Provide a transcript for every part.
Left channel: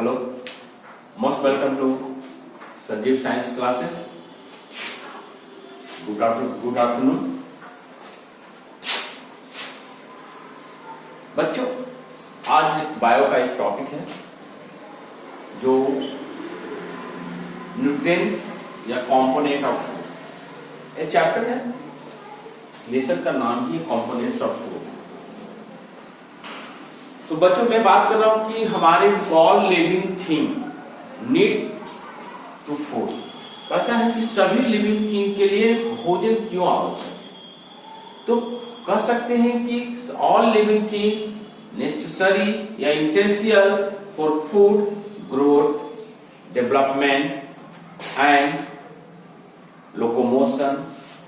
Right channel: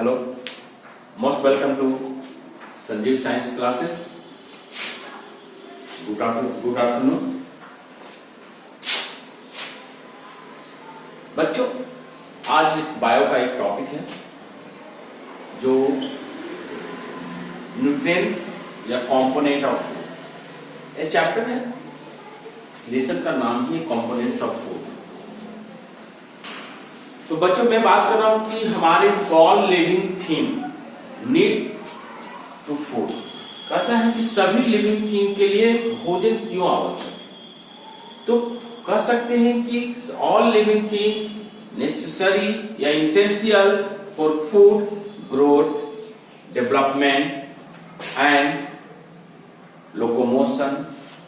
Hello, most welcome to Sanjeev Science classes. Good afternoon. बच्चों, आज bio का एक टॉपिक है जो न्यूट्रिएंट्स या कंपोनेंट ऑफ फूड, ये चैप्टर है। लेसन का नाम ही है कंपोनेंट्स ऑफ फूड। तो बच्चों, मैं बात कर रहा हूं कि हमारे all living thing need to food. कहता है कि सभी लिविंग थिंग के लिए भोजन क्यों आवश्यक। तो कह सकते हैं कि ऑल लिविंग थिंग नेसेसरी या essential for food growth, development and locomotion,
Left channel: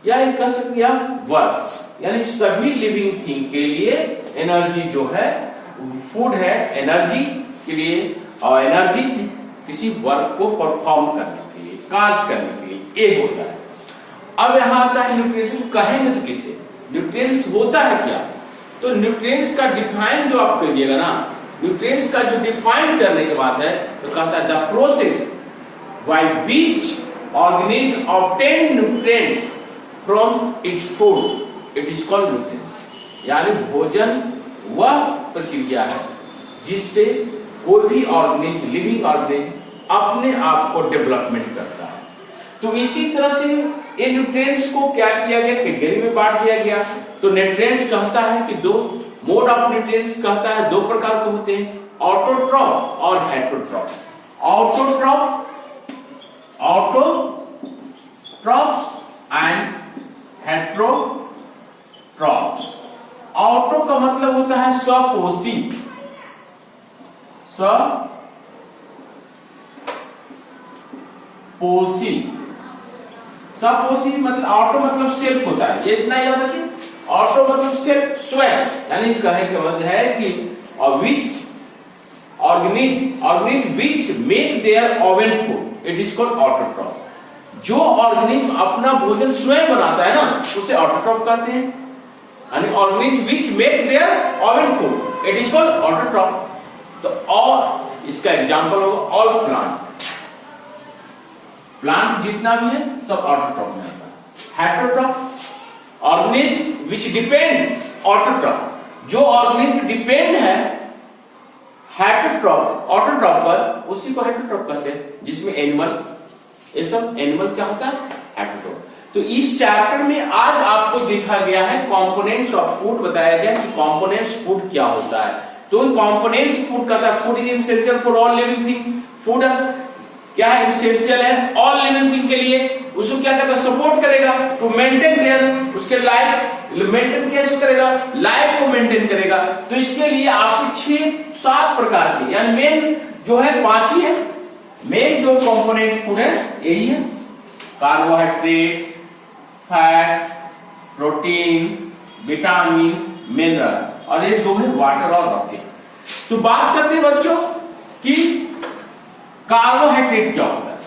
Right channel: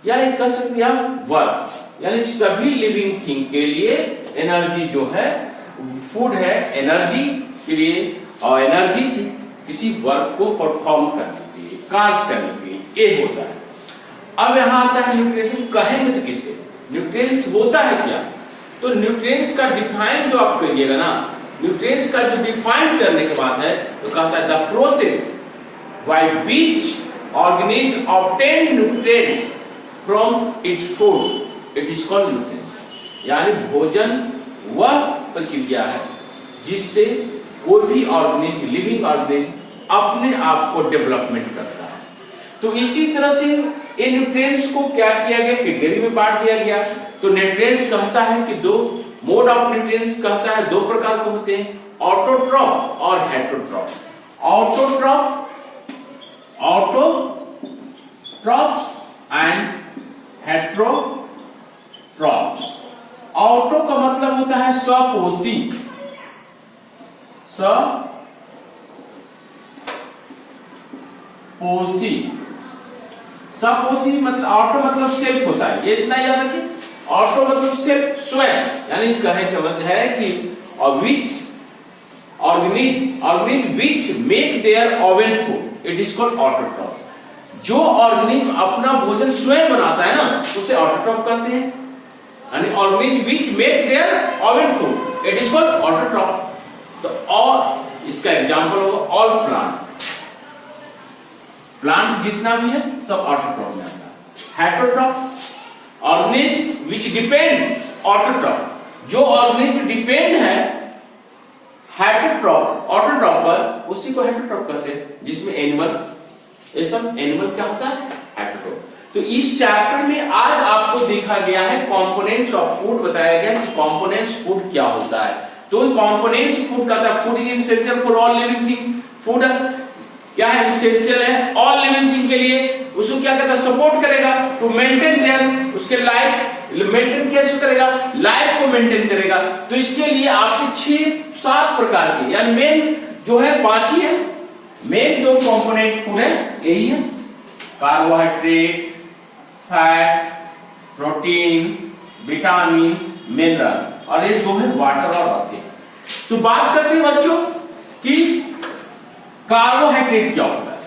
या एक कह सकते हैं वर्क, यानी सभी लिविंग थिंग के लिए एनर्जी जो है, फूड है एनर्जी के लिए, और एनर्जी किसी वर्क को परफॉर्म करने के लिए, कार्य करने के लिए ये होता है। अब यहां आता है न्यूट्रिशन। कहेंगे तो किससे न्यूट्रिएंट्स होता है क्या। तो न्यूट्रिएंट्स का डिफाइन जो आप करिएगा ना, न्यूट्रिएंट्स का जो डिफाइन करने के बाद है तो कहता है the process by which organism obtain nutrients from its food, it is called nutrients. यानी भोजन वह प्रक्रिया है जिससे कोई भी ऑर्गेनिज्म, लिविंग ऑर्गेनिज्म अपने आप को डेवलपमेंट करता है। तो इसी तरह से इन न्यूट्रिएंट्स को क्या किया गया, कैटेगरी में बांट दिया गया। तो न्यूट्रिएंट्स कहता है कि दो मोड ऑफ न्यूट्रिएंट्स कहता है दो प्रकार के होते हैं, ऑटोट्रॉप और heterotroph. Autotroph and heterotroph. Auto का मतलब होता है स्वपोषी, स्वपोषी मतलब ऑटो मतलब सेल्फ होता है, ये इतना याद रखिए। ऑटो मतलब सेल्फ, स्वयं, यानी कहे का मतलब है कि which organism which make their own food, it is called autotroph. जो ऑर्गेनिज्म अपना भोजन स्वयं बनाता है ना, उसे ऑटोट्रॉप कहते हैं। यानी organism which make their own food, it is called autotroph. तो और इसका एग्जांपल होगा ऑल प्लांट जितना भी है सब ऑटोट्रॉप में आता है। हेटेरोट्रॉप ऑर्गेनिज्म विच डिपेंड, ऑटोट्रॉप जो ऑर्गेनिज्म डिपेंड है हेटेरोट्रॉप ऑटोट्रॉप पर, उसी को हेटेरोट्रॉप कहते हैं। जिसमें एनिमल, ये सब एनिमल क्या होता है, हेटेरोट्रॉप। तो इस चैप्टर में आज आपको देखा गया है कंपोनेंट्स ऑफ फूड, बताया गया कि कंपोनेंट्स फूड क्या होता है। तो कंपोनेंट्स फूड कहता है food is essential for all living thing. Food क्या है, एसेंशियल है ऑल लिविंग थिंग के लिए। उसको क्या कहता है, सपोर्ट करेगा टू मेंटेन देयर, उसके लाइफ मेंटेन कैसे करेगा, लाइफ को मेंटेन करेगा। तो इसके लिए आपके 6-7 प्रकार के, यानी मेन जो है 5 ही है। मेन जो कंपोनेंट फूड है यही है, carbohydrate, fat, protein, vitamin, mineral, और ये दो है वाटर और रॉकेट। तो बात करते हैं बच्चों कि कार्बोहाइड्रेट क्या होता है।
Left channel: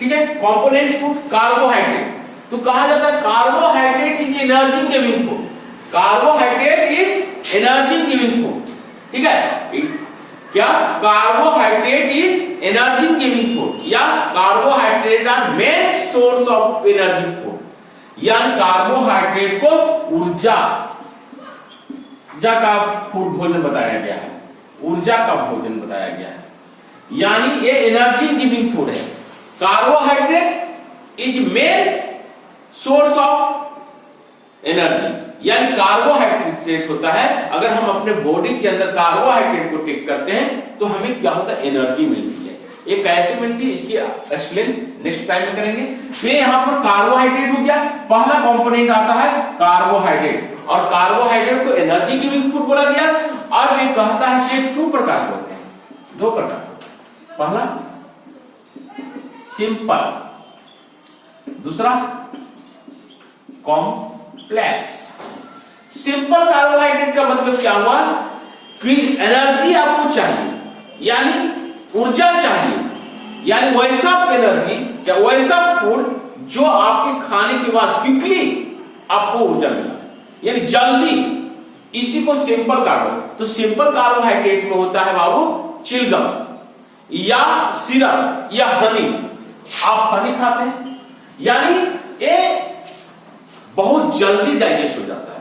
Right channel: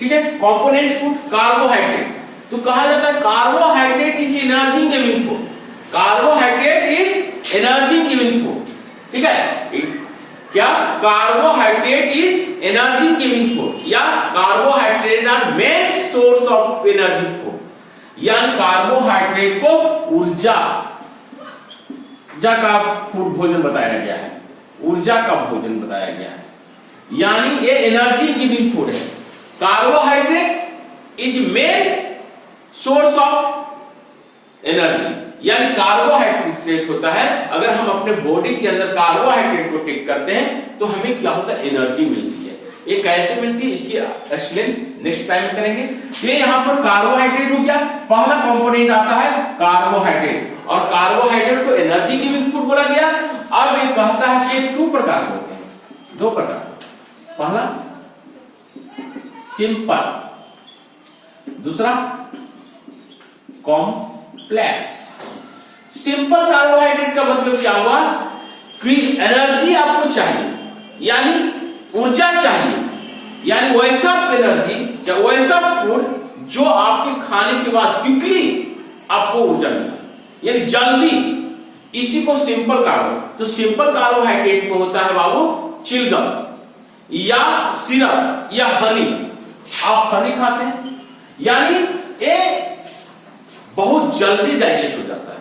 ठीक है, कंपोनेंट्स फूड कार्बोहाइड्रेट। तो कहा जाता है carbohydrate is energy giving food, carbohydrate is energy giving food. ठीक है, क्या carbohydrate is energy giving food, या carbohydrate are main source of energy food. यानी कार्बोहाइड्रेट को ऊर्जा का फूड भोजन बताया गया है, ऊर्जा का भोजन बताया गया है। यानी ये एनर्जी गिविंग फूड है। Carbohydrate is main source of energy, यानी कार्बोहाइड्रेट होता है, अगर हम अपने बॉडी के अंदर कार्बोहाइड्रेट को टेक करते हैं तो हमें क्या होता है, एनर्जी मिलती है। ये कैसे मिलती है इसकी एक्सप्लेन नेक्स्ट टाइम करेंगे। तो यहाँ पर कार्बोहाइड्रेट हो गया, पहला कंपोनेंट आता है कार्बोहाइड्रेट, और कार्बोहाइड्रेट को एनर्जी गिविंग फूड बोला गया। अब ये कहता है कि 2 प्रकार होते हैं, 2 प्रकार। पहला सिंपल, दूसरा कॉम्प्लेक्स। सिंपल कार्बोहाइड्रेट का मतलब क्या हुआ कि एनर्जी आपको चाहिए, यानी ऊर्जा चाहिए, यानी वैसा एनर्जी या वैसा फूड जो आपके खाने के बाद क्विकली आपको ऊर्जा मिला, यानी जल्दी, इसी को सिंपल कार्बोहाइड्रेट। तो सिंपल कार्बोहाइड्रेट में होता है बाबू चिलगम, या सिरप या हनी, आप हनी खाते हैं, यानी ये बहुत जल्दी डाइजेस्ट हो जाता है।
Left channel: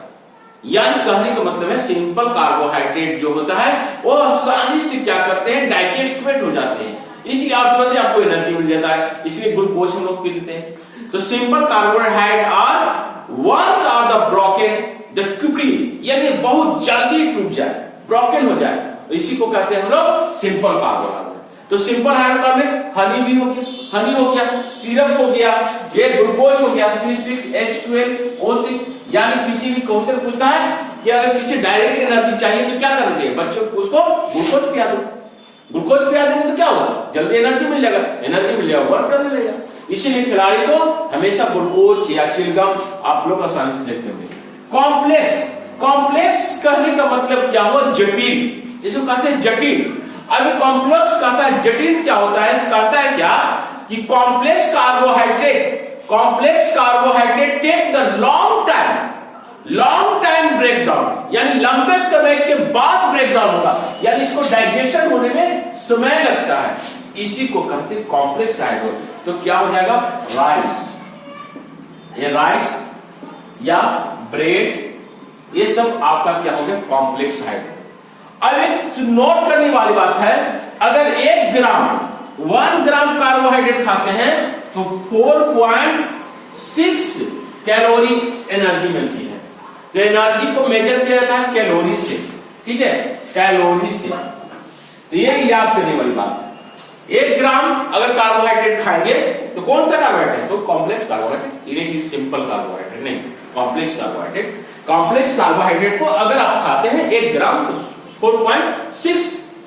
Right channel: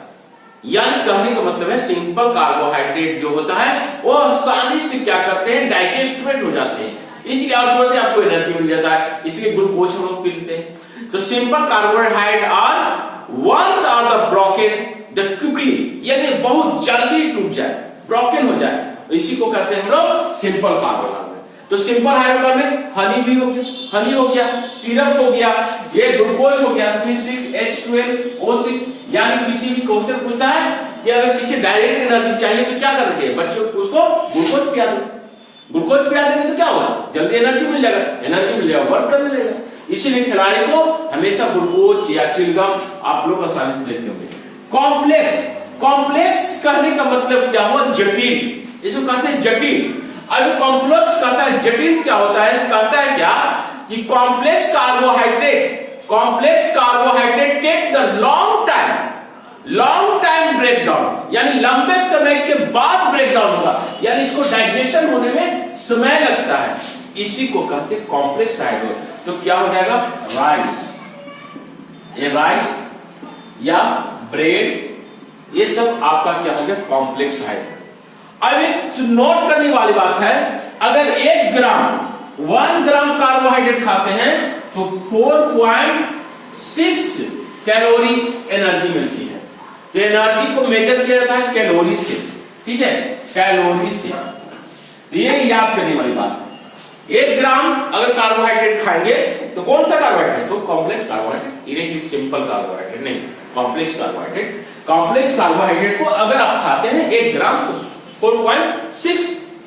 यानी कहने का मतलब है सिंपल कार्बोहाइड्रेट जो होता है वो आसानी से क्या करते हैं, डाइजेस्टेड हो जाते हैं, इसलिए आपको एनर्जी मिल जाता है, इसलिए ग्लूकोज हम लोग पीते हैं। तो simple carbohydrate are ones are the broken the quickly, यानी बहुत जल्दी टूट जाए, ब्रोकन हो जाए, तो इसी को कहते हैं हम लोग सिंपल कार्बोहाइड्रेट। तो सिंपल हाइड्रोकार्बन में हनी भी हो गया, हनी हो गया, सिरप हो गया, ये ग्लूकोज हो गया, C6H12O6। यानी किसी भी क्वेश्चन पूछता है कि अगर किसी डायरेक्ट एनर्जी चाहिए तो क्या करना चाहिए, बच्चों को उसको ग्लूकोज पिया दो, ग्लूकोज पिया देंगे तो क्या होगा, जल्दी एनर्जी मिल जाएगा, एनर्जी मिल जाएगा, वर्क करने लगेगा। इसीलिए खिलाड़ी को हमेशा ग्लूकोज या चिलगम आप लोग आसानी से लेते होंगे। कॉम्प्लेक्स, कॉम्प्लेक्स करने का मतलब क्या हुआ, जटिल, इसको कहते हैं जटिल। अब कॉम्प्लेक्स कहता है जटिल क्या होता है, कहता है क्या कि complex carbohydrate take the long time breakdown, यानी लंबे समय के बाद ब्रेकडाउन होगा, यानी इसको डाइजेशन होने में समय लगता है, इसी को कहते हैं कॉम्प्लेक्स कार्बोहाइड्रेट। तो क्या हो जाएगा, राइस, ये राइस या ब्रेड, ये सब आपका क्या हो गया, कॉम्प्लेक्स कार्बोहाइड्रेट। अब एक नोट करने वाली बात है, अगर 1 ग्राम कार्बोहाइड्रेट खाते हैं तो 4.6 कैलोरी एनर्जी मिलती है। तो एनर्जी को मेजर किया जाता है कैलोरी से, ठीक है, कैलोरी से। तो ये याद करने वाली बात है। 1 ग्राम अगर कार्बोहाइड्रेट खाएंगे तो कौन सा कार्बोहाइड्रेट, तो कॉम्प्लेक्स कार्बोहाइड्रेट, ये सिंपल कार्बोहाइड्रेट नहीं, कॉम्प्लेक्स कार्बोहाइड्रेट। कॉम्प्लेक्स कार्बोहाइड्रेट को अगर आप खाते हैं 1 ग्राम तो 4.6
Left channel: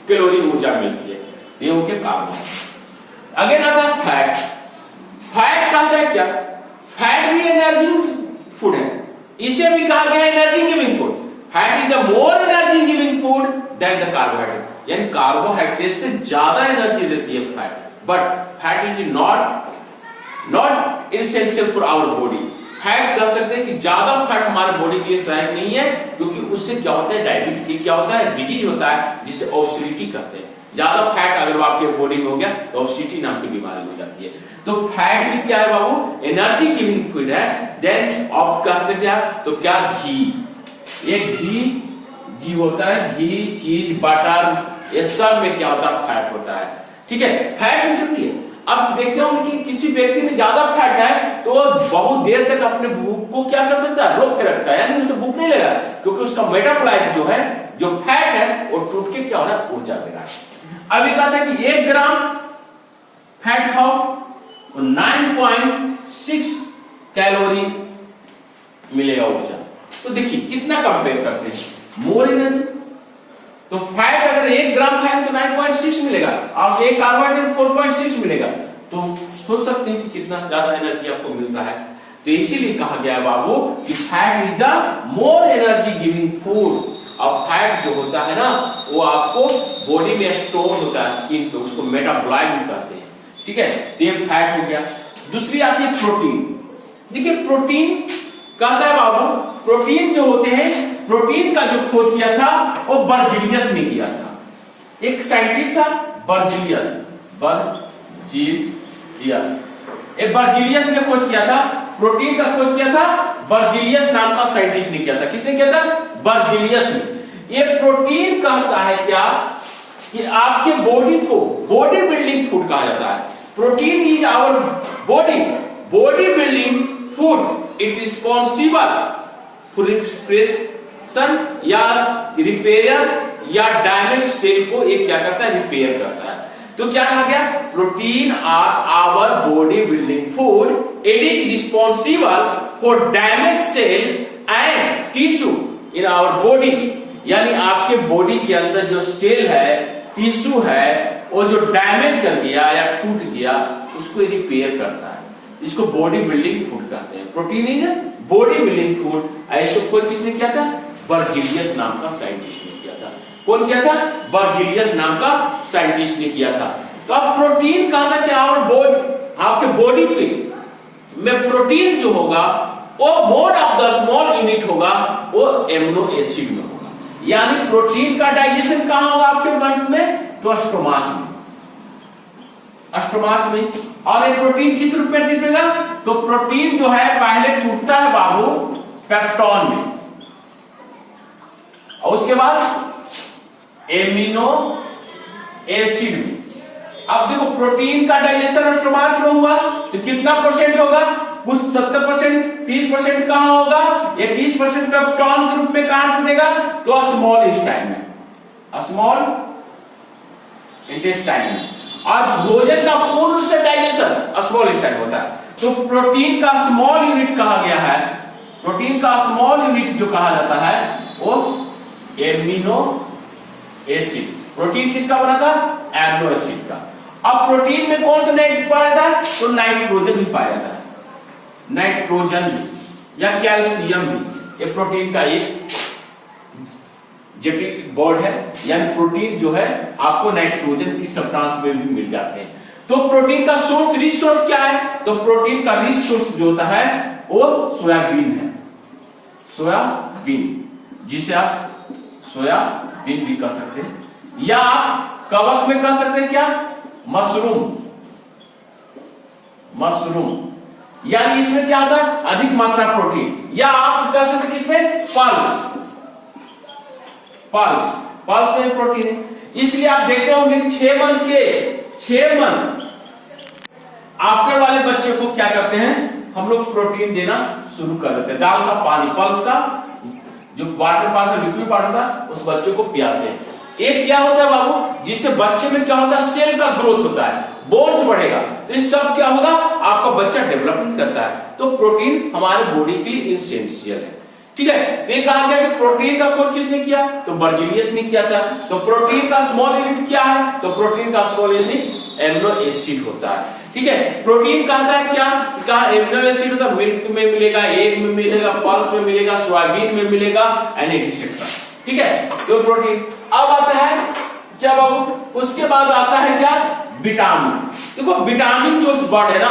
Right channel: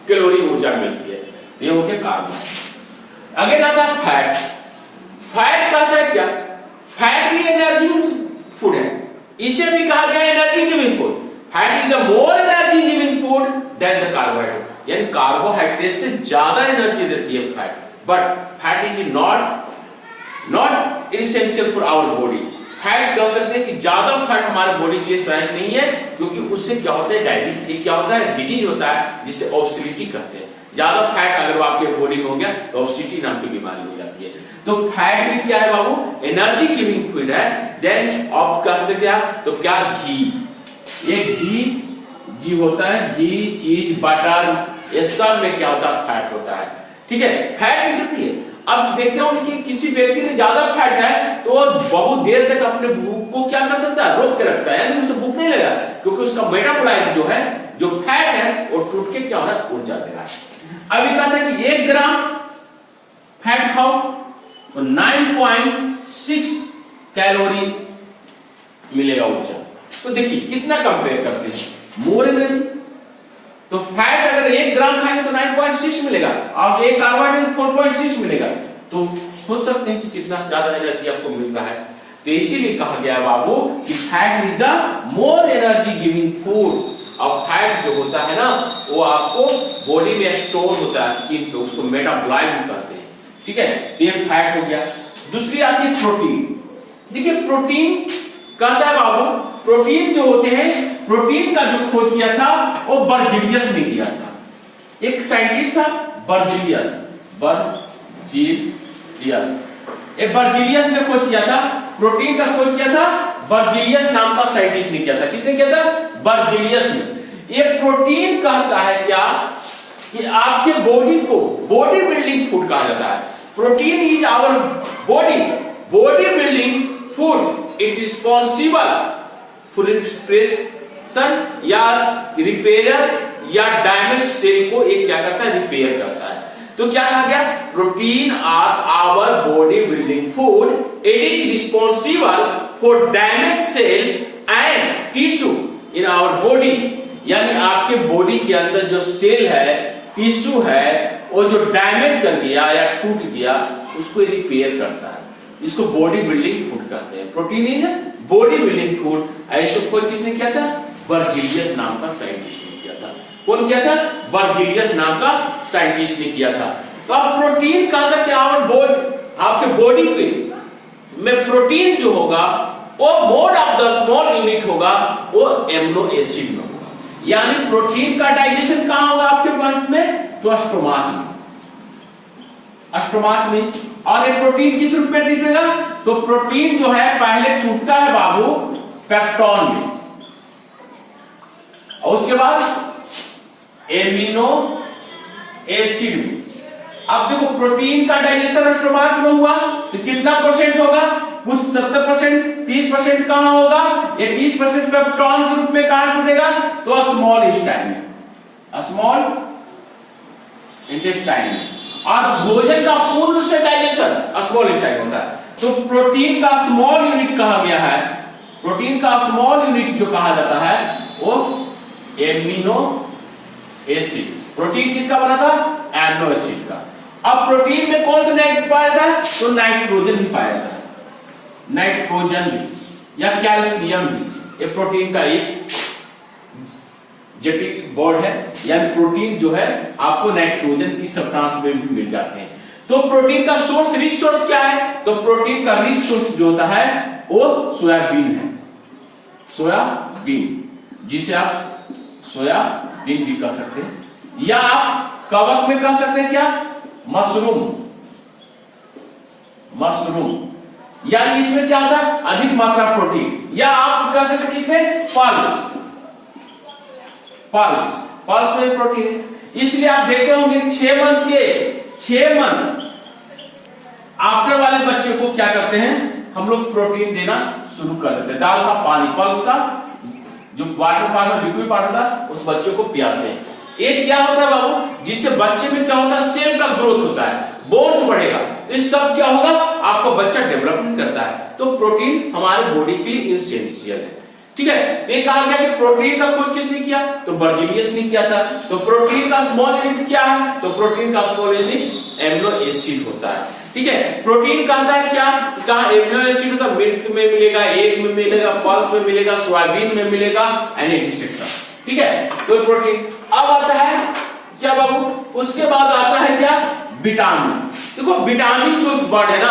कैलोरी ऊर्जा मिलती है, ये हो गया कार्बोहाइड्रेट। अगेन आता है फैट। फैट कहता है क्या, फैट भी एनर्जी फूड है, इसे भी कहा गया energy giving food. Fat is the more energy giving food than the carbohydrate, यानी कार्बोहाइड्रेट से ज्यादा एनर्जी देती है fat, but fat is not essential for our body. Fat कह सकते हैं कि ज्यादा फैट हमारे बॉडी के लिए सहायक नहीं है, क्योंकि उससे क्या होता है, डायबिटीज क्या होता है, डिजीज होता है जिसे ओबेसिटी कहते हैं। ज्यादा फैट अगर आपके बॉडी में हो गया तो ओबेसिटी नाम की बीमारी हो जाती है। तो फैट भी क्या है बाबू, एनर्जी गिविंग फूड है। देन आप कह सकते हैं तो क्या, घी, ये घी होता है, घी, चीज, बटर, ये सब में क्या होता है, फैट होता है, ठीक है, फैट भी जरूरी है। अब देखते होंगे कि किसी व्यक्ति में ज्यादा फैट है तो वो बहुत देर तक अपने भूख को क्या कर सकता है, रोक के रखता है, यानी उसे भूख नहीं लगा, क्योंकि उसका मेटाबोलाइट जो है, जो फैट है वो टूट के क्या हो रहा है, ऊर्जा दे रहा है। अभी कहते हैं कि 1 ग्राम फैट खाओ तो 9.6 कैलोरी मिलेगा ऊर्जा। तो देखिए कितना कंपेयर करते हैं, मोर एनर्जी। तो फैट अगर 1 ग्राम खाएंगे तो 9.6 मिलेगा, और 1 कार्बोहाइड्रेट 4.6 मिलेगा, तो सोच सकते हैं कि कितना ज्यादा एनर्जी आपको मिल रहा है। तो इसीलिए कहा गया है बाबू कि fat is the more energy giving food. और फैट जो होता है ना, वो आपको बॉडी में स्टोर होता है स्किन पे, उसको मेटाबोलाइट कहते हैं, ठीक है, ये फैट हो गया। दूसरी आती है प्रोटीन। देखिए प्रोटीन कहता है बाबू, प्रोटीन जो होते हैं, प्रोटीन का जो खोज किया था वो बर्जीलियस ने किया था। एक साइंटिस्ट था बर्जीलियस, बर्जीलियस ने खोज किया था, प्रोटीन का खोज किया था बर्जीलियस नाम का साइंटिस्ट ने किया था। किसने किया था, बर्जीलियस ने। ये प्रोटीन कहता है क्या कि आपके बॉडी को बॉडी बिल्डिंग फूड कहा जाता है। Protein is our body building food. It responsible for expression या रिपेयर या डैमेज सेल को ये क्या करता है, रिपेयर करता है। तो क्या कहा गया, protein are our body building food, it is responsible for damage cell and tissue in our body. यानी आपके बॉडी के अंदर जो सेल है, टिश्यू है, वो जो डैमेज कर गया या टूट गया उसको रिपेयर करता है। इसको बॉडी बिल्डिंग फूड कहते हैं। Protein is body building food. ऐसे खोज किसने किया था, बर्जीलियस नाम का साइंटिस्ट ने किया था। कौन किया था, बर्जीलियस नाम का साइंटिस्ट ने किया था। तो अब प्रोटीन कहा था कि आपके बॉडी पे में प्रोटीन जो होगा वो mode of the small unit होगा, वो एमिनो एसिड में होगा। यानी प्रोटीन का डाइजेशन कहां होगा आपके बॉडी में, तो स्टोमच में। स्टोमाच में। और ये प्रोटीन किस रूप में टूटेगा? तो प्रोटीन जो है पहले टूटता है बाबू पेप्टॉन में, और उसके बाद एमिनो एसिड में। अब देखो प्रोटीन का डाइजेशन स्टोमाच में हुआ तो कितना परसेंट होगा? कुछ 70%, 30% कहां होगा? ये 30% पेप्टॉन के रूप में कहां टूटेगा? तो स्मॉल इंटेस्टाइन में, स्मॉल इंटेस्टाइन में। और भोजन का पूर्ण से डाइजेशन स्मॉल इंटेस्टाइन होता है। तो प्रोटीन का स्मॉल यूनिट कहा गया है, प्रोटीन का स्मॉल यूनिट जो कहा जाता है वो एमिनो एसिड। प्रोटीन किसका बना था? एमिनो एसिड का। अब प्रोटीन में कौन सा नाइट्रोजन पाया था? तो नाइट्रोजन भी पाया था, नाइट्रोजन भी या कैल्शियम भी। ये प्रोटीन का एक जेनेटिक बोर्ड है, यानी प्रोटीन जो है आपको नाइट्रोजन की सब्सटेंस में भी मिल जाते हैं। तो प्रोटीन का सोर्स, रिच सोर्स क्या है? तो प्रोटीन का रिच सोर्स जो होता है वो सोयाबीन है, सोयाबीन, जिसे आप सोयाबीन भी कह सकते हैं, या आप कवक में कह सकते हैं क्या? Mushroom, mushroom. यानी इसमें क्या होता है? अधिक मात्रा प्रोटीन। या आप कह सकते हैं किसमें? पल्स, पल्स, पल्स में प्रोटीन है। इसलिए आप देखते होंगे कि 6 मंथ आफ्टर वाले बच्चे को क्या करते हैं हम लोग? प्रोटीन देना शुरू कर देते हैं। दाल का पानी, पल्स का जो वाटर पानी, लिक्विड वाटर था, उस बच्चे को पियाते हैं। एक क्या होता है बाबू? जिससे बच्चे में क्या होता है? सेल का ग्रोथ होता है, बोन्स बढ़ेगा। तो इस सब क्या होगा? आपका बच्चा डेवलपमेंट करता है। तो प्रोटीन हमारे बॉडी के लिए इसेंशियल है, ठीक है। तो ये कहा गया कि प्रोटीन का खोज किसने किया? तो बर्जीलियस ने किया था। तो प्रोटीन का स्मॉल यूनिट क्या है? तो प्रोटीन का स्मॉल यूनिट एमिनो एसिड होता है, ठीक है। प्रोटीन कहता है क्या? कहा एमिनो एसिड होता है, मिल्क में मिलेगा, एग में मिलेगा, पल्स में मिलेगा, सोयाबीन में मिलेगा, एंड एटसेट्रा, ठीक है। तो प्रोटीन। अब आता है क्या बाबू? उसके बाद आता है क्या? विटामिन। देखो विटामिन जो वर्ड है ना,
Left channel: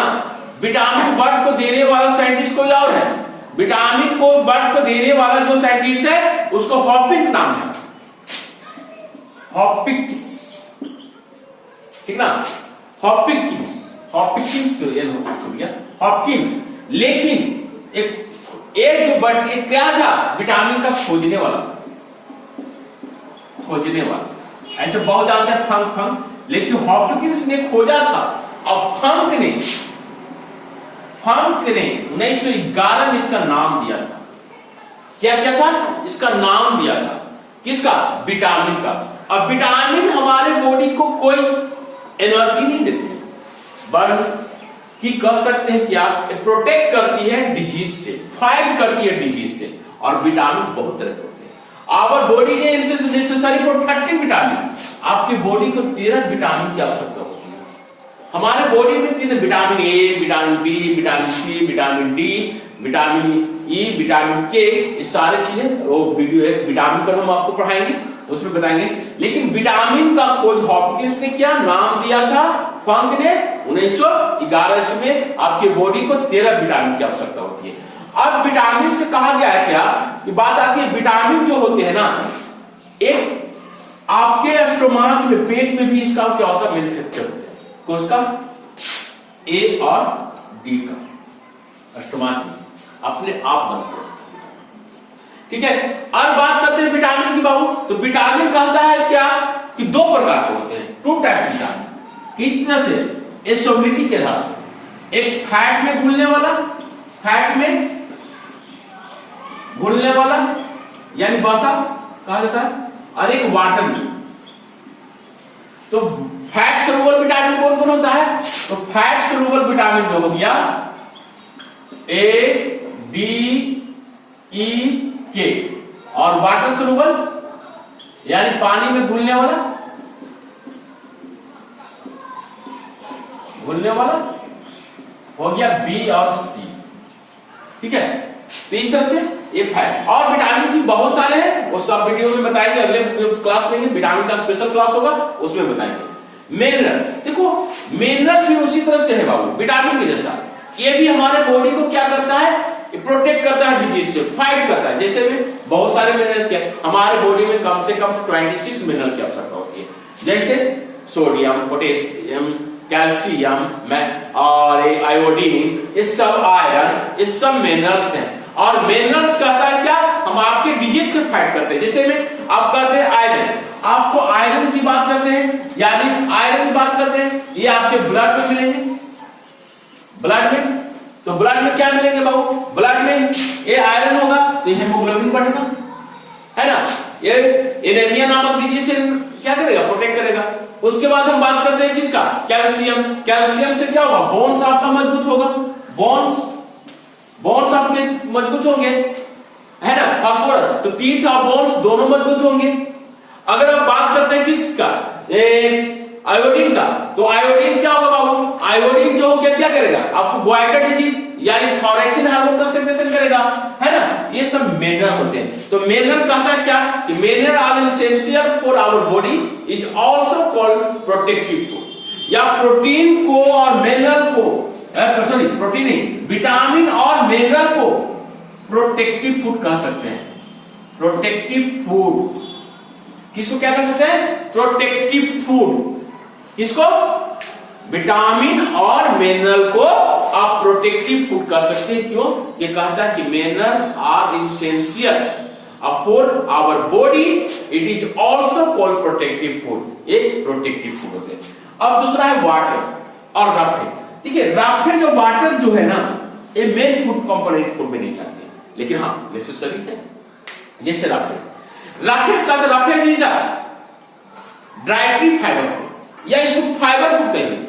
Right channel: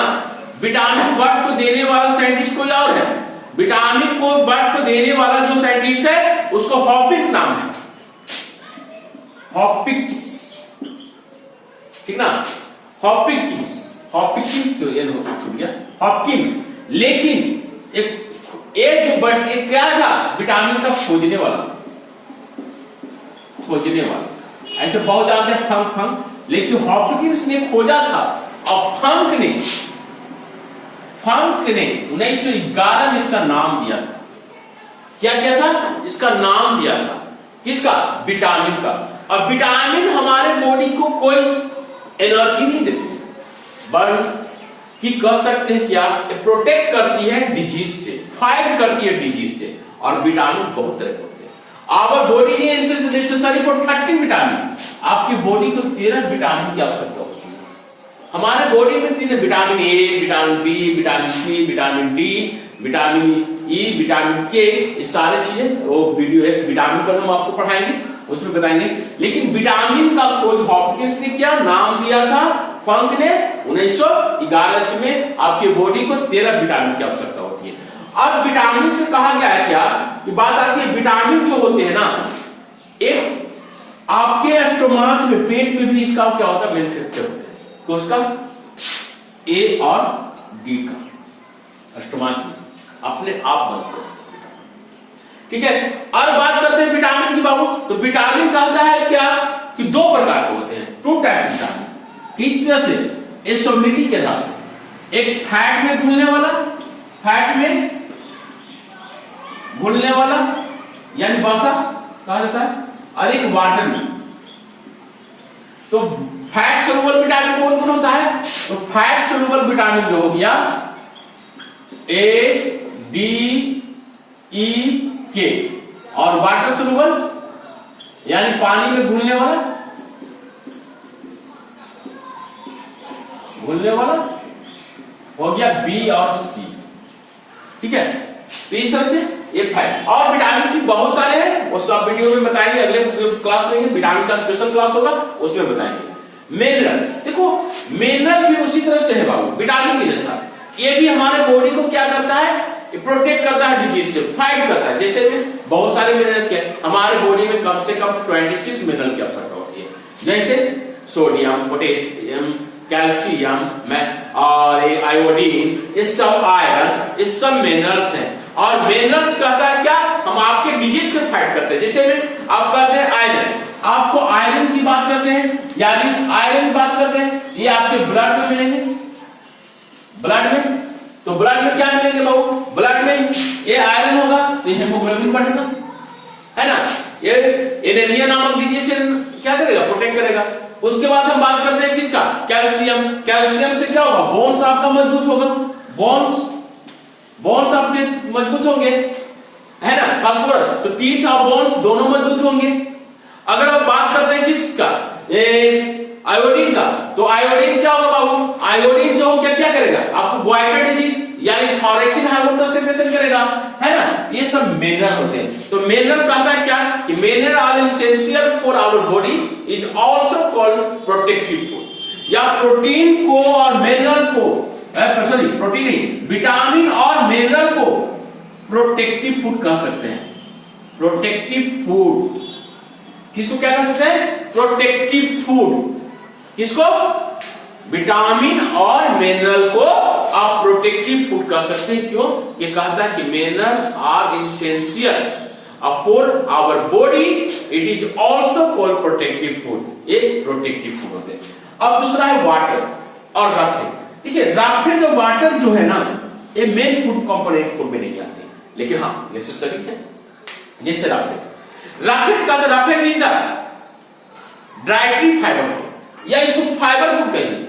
विटामिन वर्ड को देने वाला साइंटिस्ट कोई और है। विटामिन को वर्ड को देने वाला जो साइंटिस्ट है उसको हॉपिक नाम है, हॉपिक्स, ठीक ना? हॉपिकिंस, हॉपिकिंस छूट गया, हॉपकिंस। लेकिन एक वर्ड एक क्या था? विटामिन का खोजने वाला, खोजने वाला। ऐसे बहुत आते हैं फंक फंक, लेकिन हॉपकिंस ने खोजा था। और फंक ने 1911 में इसका नाम दिया था। क्या क्या था? इसका नाम दिया था किसका? विटामिन का। और विटामिन हमारे बॉडी को कोई एनर्जी नहीं देती, बल्कि कह सकते हैं क्या? प्रोटेक्ट करती है डिजीज से, फाइट करती है डिजीज से। और विटामिन बहुत तरह के होते हैं। Our body is necessary for 30 vitamin. आपकी बॉडी को 13 विटामिन की आवश्यकता होती है। हमारे बॉडी में 3 vitamin A, vitamin B, vitamin C, vitamin D, vitamin E, vitamin K, ये सारे चीजें वो वीडियो है विटामिन पर हम आपको पढ़ाएंगे, उसमें बताएंगे। लेकिन विटामिन का खोज हॉपकिंस ने किया, नाम दिया था फंक ने 1911 में। आपकी बॉडी को 13 विटामिन की आवश्यकता होती है। अब विटामिन से कहा गया है क्या कि बात आती है, विटामिन जो होते हैं ना, एक आपके स्टोमाच में, पेट में भी इसका क्या होता है? मैन्युफैक्चर होता है। तो उसका ए और डी का स्टोमाच में अपने आप बनते हैं, ठीक है। और बात करते हैं विटामिन की बाबू। तो विटामिन कहता है क्या कि 2 प्रकार के होते हैं, 2 टाइप विटामिन। किस तरह से? सोलिबिलिटी के आधार से। एक फैट में घुलने वाला, फैट में घुलने वाला यानी वसा कहा जाता है, और एक वाटर में। तो फैट सोलुबल विटामिन कौन कौन होता है? तो फैट सोलुबल विटामिन जो हो गया ए, डी, ई, के, और वाटर सोलुबल यानी पानी में घुलने वाला, घुलने वाला हो गया बी और सी, ठीक है। तो इस तरह से एक फैट। और विटामिन की बहुत सारे हैं, वो सब वीडियो में बताएंगे, अगले क्लास में विटामिन का स्पेशल क्लास होगा, उसमें बताएंगे। मिनरल, देखो मिनरल भी उसी तरह से है बाबू, विटामिन के जैसा। ये भी हमारे बॉडी को क्या करता है? प्रोटेक्ट करता है डिजीज से, फाइट करता है। जैसे बहुत सारे मिनरल के हमारे बॉडी में कम से कम 26 मिनरल की आवश्यकता होती है, जैसे सोडियम, पोटेशियम, कैल्शियम में और आयोडीन, ये सब आयरन, ये सब मिनरल्स हैं। और मिनरल्स कहता है क्या, हम आपके डिजीज से फाइट करते हैं। जैसे में आप करते हैं आयरन, आपको आयरन की बात करते हैं, यानी आयरन की बात करते हैं, ये आपके ब्लड में मिलेंगे, ब्लड में। तो ब्लड में क्या मिलेंगे बाबू, ब्लड में ये आयरन होगा तो हेमोग्लोबिन बढ़ेगा, है ना। ये एनीमिया नामक डिजीज से क्या करेगा, प्रोटेक्ट करेगा। उसके बाद हम बात करते हैं किसका, कैल्शियम। कैल्शियम से क्या होगा, बोन्स आपका मजबूत होगा, बोन्स आपके मजबूत होंगे, है ना। फास्फोरस, तो टीथ और बोन्स दोनों मजबूत होंगे। अगर हम बात करते हैं किसका, आयोडीन का, तो आयोडीन क्या होगा बाबू, आयोडीन जो हो गया क्या करेगा, आपको गोइटर डिजीज यानी फ्लोरेसेंट हार्मोन का सिक्रेशन करेगा, है ना। ये सब मिनरल होते हैं। तो मिनरल कहता है क्या कि mineral are essential for our body, is also called protective food. या प्रोटीन को और मिनरल को, सॉरी प्रोटीन नहीं, विटामिन और मिनरल को प्रोटेक्टिव फूड कह सकते हैं। प्रोटेक्टिव फूड किसको क्या कह सकते हैं, प्रोटेक्टिव फूड। किसको, विटामिन और मिनरल को आप प्रोटेक्टिव फूड कह सकते हैं। क्यों, ये कहता है कि mineral are essential for our body, it is also called protective food. ये प्रोटेक्टिव फूड होते हैं। अब दूसरा है वाटर और राफे। देखिए राफे जो वाटर जो है ना, ये मेन फूड कंपोनेंट फूड में नहीं आते हैं, लेकिन हाँ नेसेसरी है। जैसे राफे का तो राफे भी डाइटरी फाइबर फूड, या इसको फाइबर फूड कहिए।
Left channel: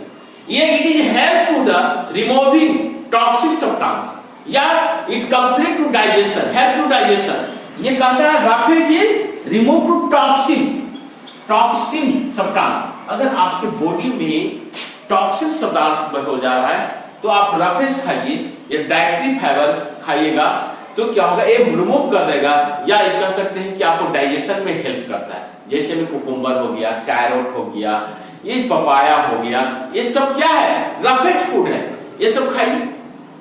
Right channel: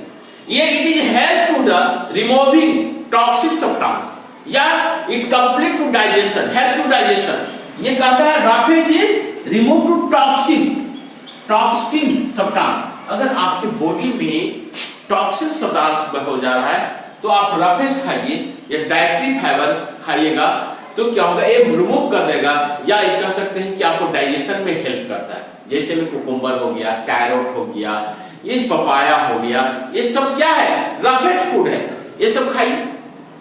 ये it is help to the removing toxic substance, या it complete to digestion, help to digestion. ये कहता है राफे की रिमूव टू टॉक्सिन सब्सटेंस। अगर आपके बॉडी में टॉक्सिन सब्सटेंस हो जा रहा है तो आप राफेज खाइए, ये डाइटरी फाइबर खाइएगा, तो क्या होगा, ये रिमूव कर देगा। या ये कह सकते हैं कि आपको डाइजेशन में हेल्प करता है। जैसे में कुकुम्बर हो गया, कैरोट हो गया, ये पपाया हो गया, ये सब क्या है, रफेज फूड है। ये सब खाइए,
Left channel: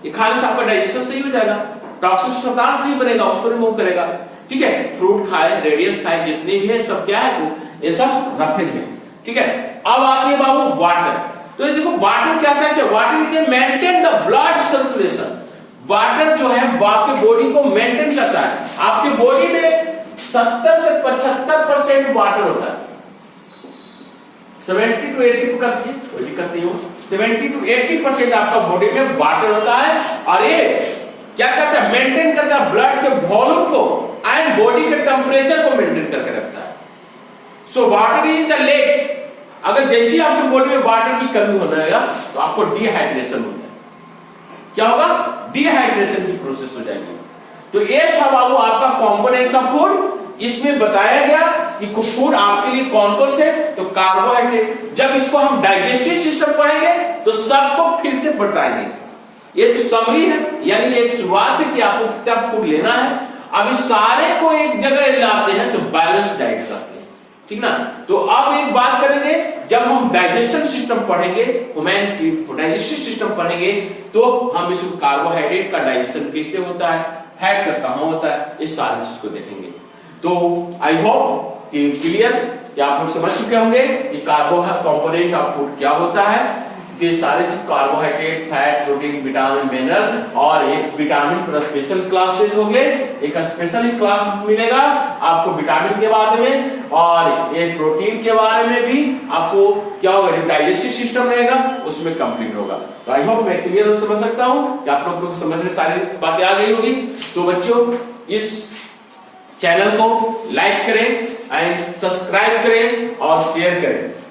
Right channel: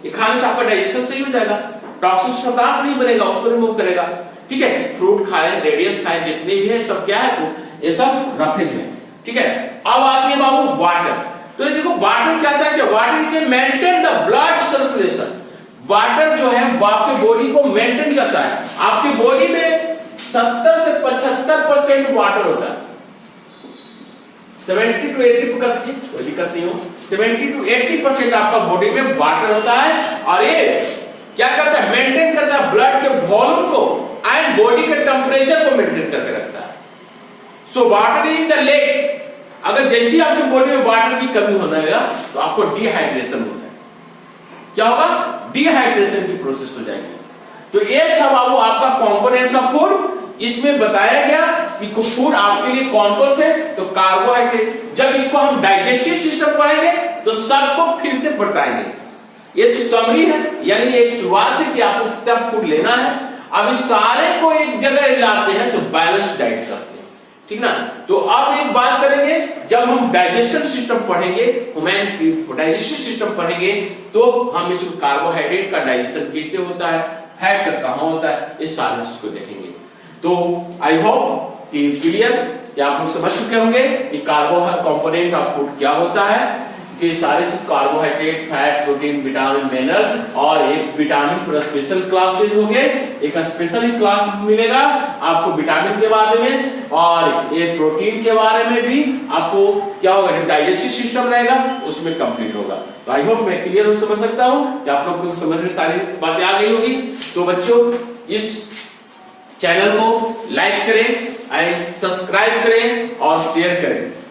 ये खाने से आपका डाइजेशन सही हो जाएगा, टॉक्सिक सब्सटेंस नहीं बनेगा, उसको रिमूव करेगा। ठीक है, फ्रूट खाए, रेडियस खाए, जितने भी है सब क्या है, ये सब रफेज में। ठीक है, अब आती है बाबू वाटर। तो देखो वाटर क्या था, वाटर के maintain the blood circulation. Water जो है आपके बॉडी को मेंटेन करता है। आपकी बॉडी में 70 से 75% वाटर होता है। 70 to 80 करती है, कोई दिक्कत नहीं हो। 70 to 80% आपका बॉडी में वाटर होता है, और ये क्या करता है, मेंटेन करता है ब्लड के वॉल्यूम को एंड बॉडी के टेम्परेचर को मेंटेन करके रखता है। So water is the leg. अगर जैसे आपके बॉडी में वाटर की कमी हो जाएगा तो आपको डिहाइड्रेशन होता है। क्या होगा, डिहाइड्रेशन की प्रोसेस हो जाएगी। तो ये था बाबू आपका कंपोनेंट्स ऑफ फूड। इसमें बताया गया कि फूड आपके लिए कौन कौन से, तो कार्बोहाइड्रेट। जब इसको हम डाइजेस्टिव सिस्टम पढ़ेंगे तो सबको फिर से बताएंगे। ये तो समरी है, यानी एक शुरुआत है कि आपको कितना फूड लेना है। अब इस सारे को एक जगह लाते हैं तो बैलेंस डाइट करते हैं, ठीक ना। तो अब एक बात करेंगे, जब हम डाइजेशन सिस्टम पढ़ेंगे, ह्यूमन डाइजेस्टिव सिस्टम पढ़ेंगे, तो हम इसमें कार्बोहाइड्रेट का डाइजेशन कैसे होता है, फैट का कहां होता है, इस सारी चीज को देखेंगे। तो आई होप कि क्लियर कि आप लोग समझ चुके होंगे कि कार्बोहाइड्रेट कंपोनेंट ऑफ फूड क्या होता है। कि सारे चीज carbohydrate, fat, protein, vitamin, mineral, और एक विटामिन पूरा स्पेशल क्लासेज हो गए। एक स्पेशल ही क्लास मिलेगा आपको विटामिन के बारे में, और एक प्रोटीन के बारे में भी आपको क्या होगा, जब डाइजेस्टिव सिस्टम रहेगा उसमें कंप्लीट होगा। तो आई होप मैं क्लियर समझ सकता हूं कि आप लोग को समझ में सारी बातें आ गई होगी। तो बच्चों इस चैनल को लाइक करें एंड सब्सक्राइब करें और शेयर करें।